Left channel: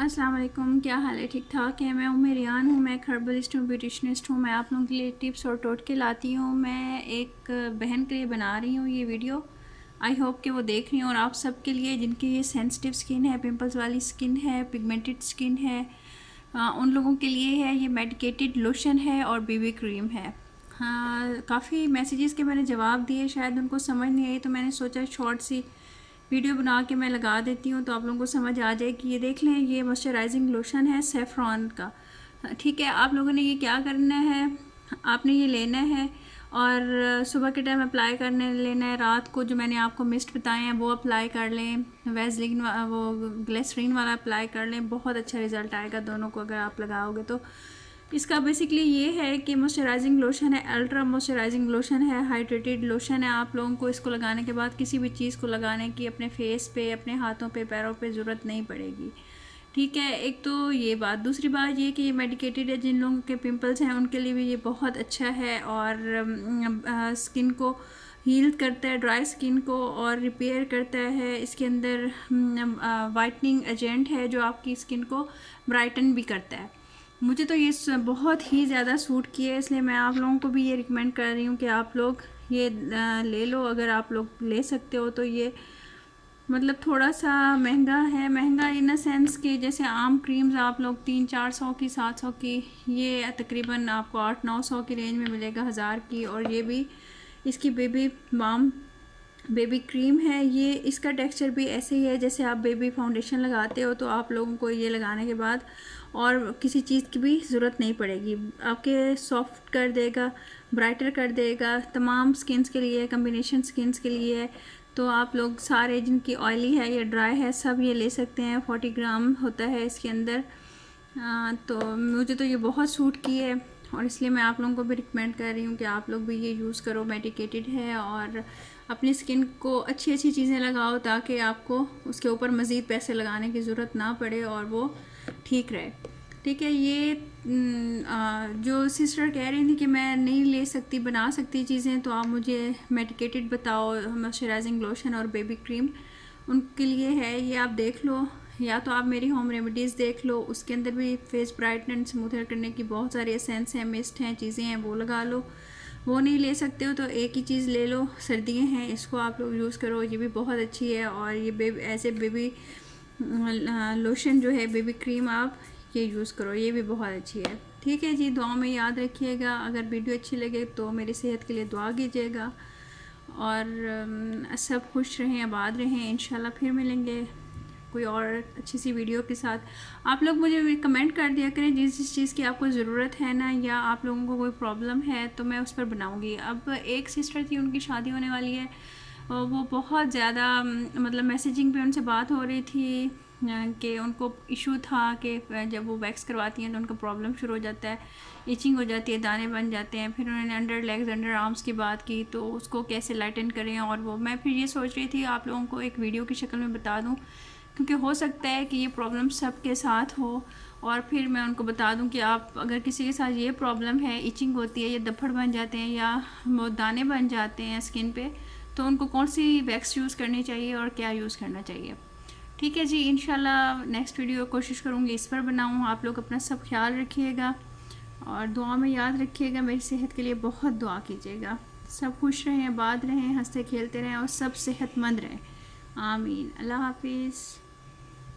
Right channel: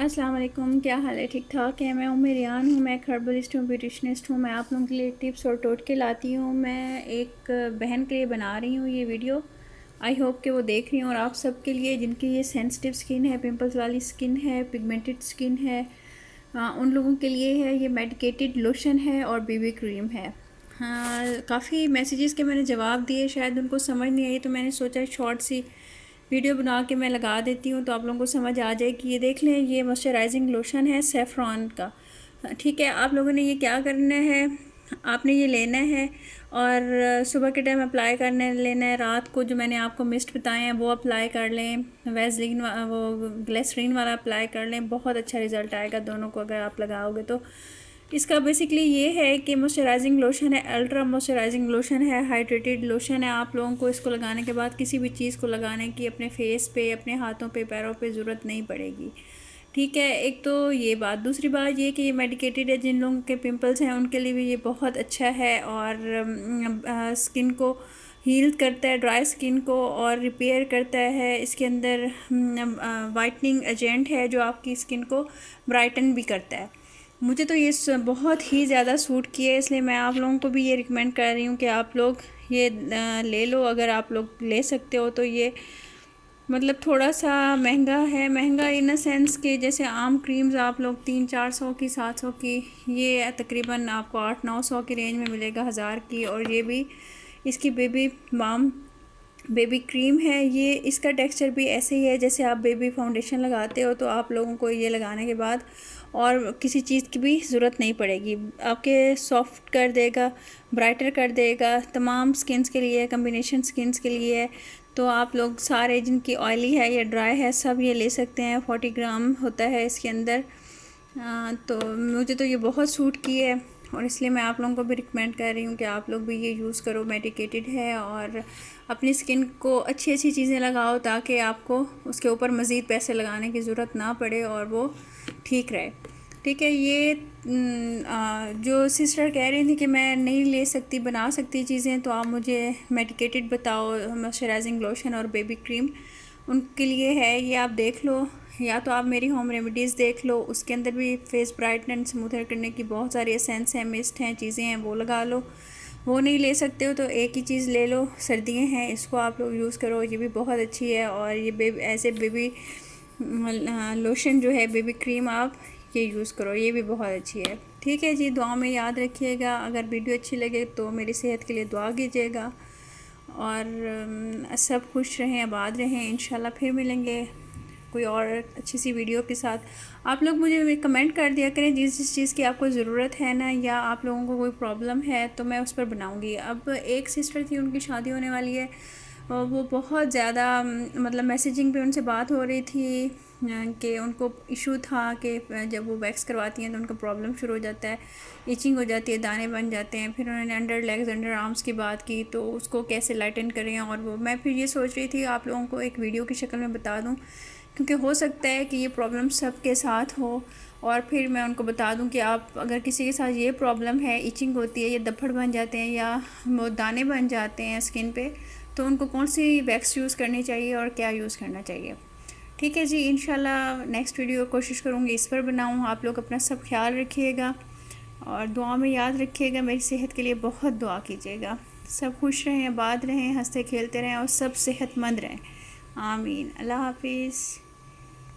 अस्सलाम वालेकुम, क्या हाल है? ठीक ठाक है। मैं रियान हूँ, मैं एक हर्बलिस्ट हूँ, ब्यूटिशनिस्ट हूँ। मैं आप लोगों के लिए टिप्स और टोटके लाती हूँ। मैं एक बहन के लिए बना रही हूँ ये वीडियो। आई होप कि वो देख रही हूँ। और आप सब के लिए जिनकी ये सेंसिटिव स्किन है, पिंपल्स वाली स्किन है, पिगमेंटेड स्किन है, उन लोगों के लिए है ये मेडिकेटेड लोशन है और बीबी क्रीम है। हाँ, काफ़ी मैसेजेस के मैंने जवाब दिए, शायद उनको समझ नहीं आई, तो मैंने सोचा शॉर्ट सी वीडियो बना के मैं लगा देती हूँ तो आप लोगों को समझ आ जाए कि ये देख लें, ये मॉइस्चराइजिंग लोशन है सेफ्रॉन का। ठीक है, आप लोगों ने ये क्या करना है, आपने ये लेना है और सुबह के टाइम अप्लाई करने लेना है। रात को जो मैंने आपको मिस्ट बताए हैं वो अप्लाई कर लें, वैसलीन वो ग्लिसरीन वाला अप्लाई कर लें। बहुत अच्छा रिज़ल्ट आएगा दोनों को अगर आप लगाओगे तो। इसका बेसिकली ये है कि मॉइस्चराइजिंग लोशन है, अल्ट्रा मॉइस्चराइजिंग लोशन है, हाइड्रेटेड लोशन है। आप लोगों को इसको लगाने के बाद किसी भी चीज़ को लगाने की अपने फेस पे, अपने हाथों पे, पैरों पे ज़रूरत नहीं पड़ेगी। ठीक है, एक तो ये बात। दूसरी बात ये कि ये मेडिकेटेड है, जिन लोगों के पिंपल्स हैं उनके लिए भी ये बहुत अच्छा है और स्किन को हील करता है, ड्राई स्किन को, और रिपेयर करता है। इसके अंदर वाइटनिंग एजेंट है जो आपकी स्किन को ब्राइटन भी करता है। मुझे तो ये बहुत ही ज़्यादा सूट किया है, इसलिए मैं आप लोगों को भी ये रिकमेंड कर रही हूँ कि आप लोग ये ले लो। अगर आप लोग ले सकते हो तो ये मतलब थोड़ा सा महंगा है, महंगा इन अ सेंस कि जैसे आम क्रीम्स आप लोग 300-400 की, 700 की, ये तकरीबन आपको 800-900 की रेंज में मिलेगा, 1000 की। और ये भी इसकी बेबी बाम बेबी क्रीम है। ये इसका टेक्सचर भी ऐसे ही है जैसे आप बेबी फाउंडेशन लगाते हो, तो आप लोगों को ये लगाने के बाद और किसी चीज़ की भी ज़रूरत नहीं पड़ेगी। आपके सॉफ्ट कर देगा, ब्राइटर कर देगा, तमाम स्किन्स के लिए, कम्बिनेशन स्किन्स के लिए है। तो आप लोग सारे जिनकी ऑयली है या ड्राई है सब ये ले सकते हैं। 40 ग्राम होता है इसके अंदर। तो मुझे तो ये बहुत सूट की है और इसलिए मैं आप लोगों को भी रिकमेंड कर रही हूँ कि आप लोग भी ये यूज़ करो। मेडिकेटेड है और अपनी स्किन को अच्छी अच्छी चीज़ें लगाओ ताकि आपको उसके ऊपर मज़ीद पैसे लगाने की ज़रूरत ना पड़े और वो ठीक रहे। ठीक है, ये जो सिस्टर कह रही थी कि मैं नहीं ले सकती, बना सकती चीज़ें, तो आप मुझे मेडिकेटेड बताओ मॉइस्चराइजिंग लोशन और बेबी क्रीम, उनके लिए है ये। आप देख लो, या तो आप मेरी होम रेमेडीज़ देख लो, उसके अंदर भी फेस ब्राइटन स्मूथर करने की बहुत सारी एसेंस हैं, मिस्ट हैं, चीज़ें हैं, वो लगा लो। वो नहीं ले सकते हो तो एक ही चीज़ ले लो, सर्दियाँ हैं, इसको आप लोग यूज़ करो, ये भी बहुत अच्छी है। और ये ऐसे बेबी लोशन जो है, बेबी क्रीम, आप ये यूज़ करो, ये भी बहुत अच्छी है। ठीक है जी, दुआ में याद रखिएगा। अगर वीडियो अच्छी लगे तो मेरी सेहत के लिए दुआ कीजिएगा और सब खुश रहें, आबाद रहें। इंशाल्लाह फिर मिलेंगे कोई और अच्छी सी वीडियो के साथ। आप लोग मुझे कमेंट कर दिया करें जिस चीज़ की आपको ज़रूरत है ना, या आप लोगों को कोई प्रॉब्लम है तो मैं उस पर बनाऊँगी। अब एक सिस्टर थी, उनकी शादी होने वाली है, वो बहुत ज़्यादा मतलब मैसेजिंग पे उनसे बात हो रही थी कि उनको इशू था कि जब वो वैक्स करवाती हैं तो उनका प्रॉब्लम शुरू हो जाता है, इचिंग हो जाती है, दाने बन जाते हैं। फिर उन्होंने अंडर लेग्स, अंडर आर्म्स की बात की, तो उसको कैसे लाइटन करें। और वो मैं फिर ये सोच रही थी आप लोगों को एक वीडियो की शक्ल में बता दूं, क्योंकि हो सकता है कि ये प्रॉब्लम सबके साथ हो। और फिर मैं उनको बता दूं कि आप अगर किसी के साथ ये प्रॉब्लम है, इचिंग होती है, या दफड़ बन जाते हैं, या वो दाने बन जाते हैं स्किन पे, तो उनको कौन सी वैक्स यूज़ करनी चाहिए और क्या यूज़ करना चाहिए। ठीक है जी, इंशाल्लाह नेक्स्ट वीडियो कोशिश करूँगी इस पर बनाऊँ। आप लोग अपना सब ख्याल रखिएगा और दुआ में याद रखिएगा, मेरी सेहत के लिए बहुत दुआ कीजिएगा। सब खुश रहें, आबाद रहें, हंसते खेलते रहें और सब सेहतमंद रहें। आमीन। अल्लाह हाफिज़।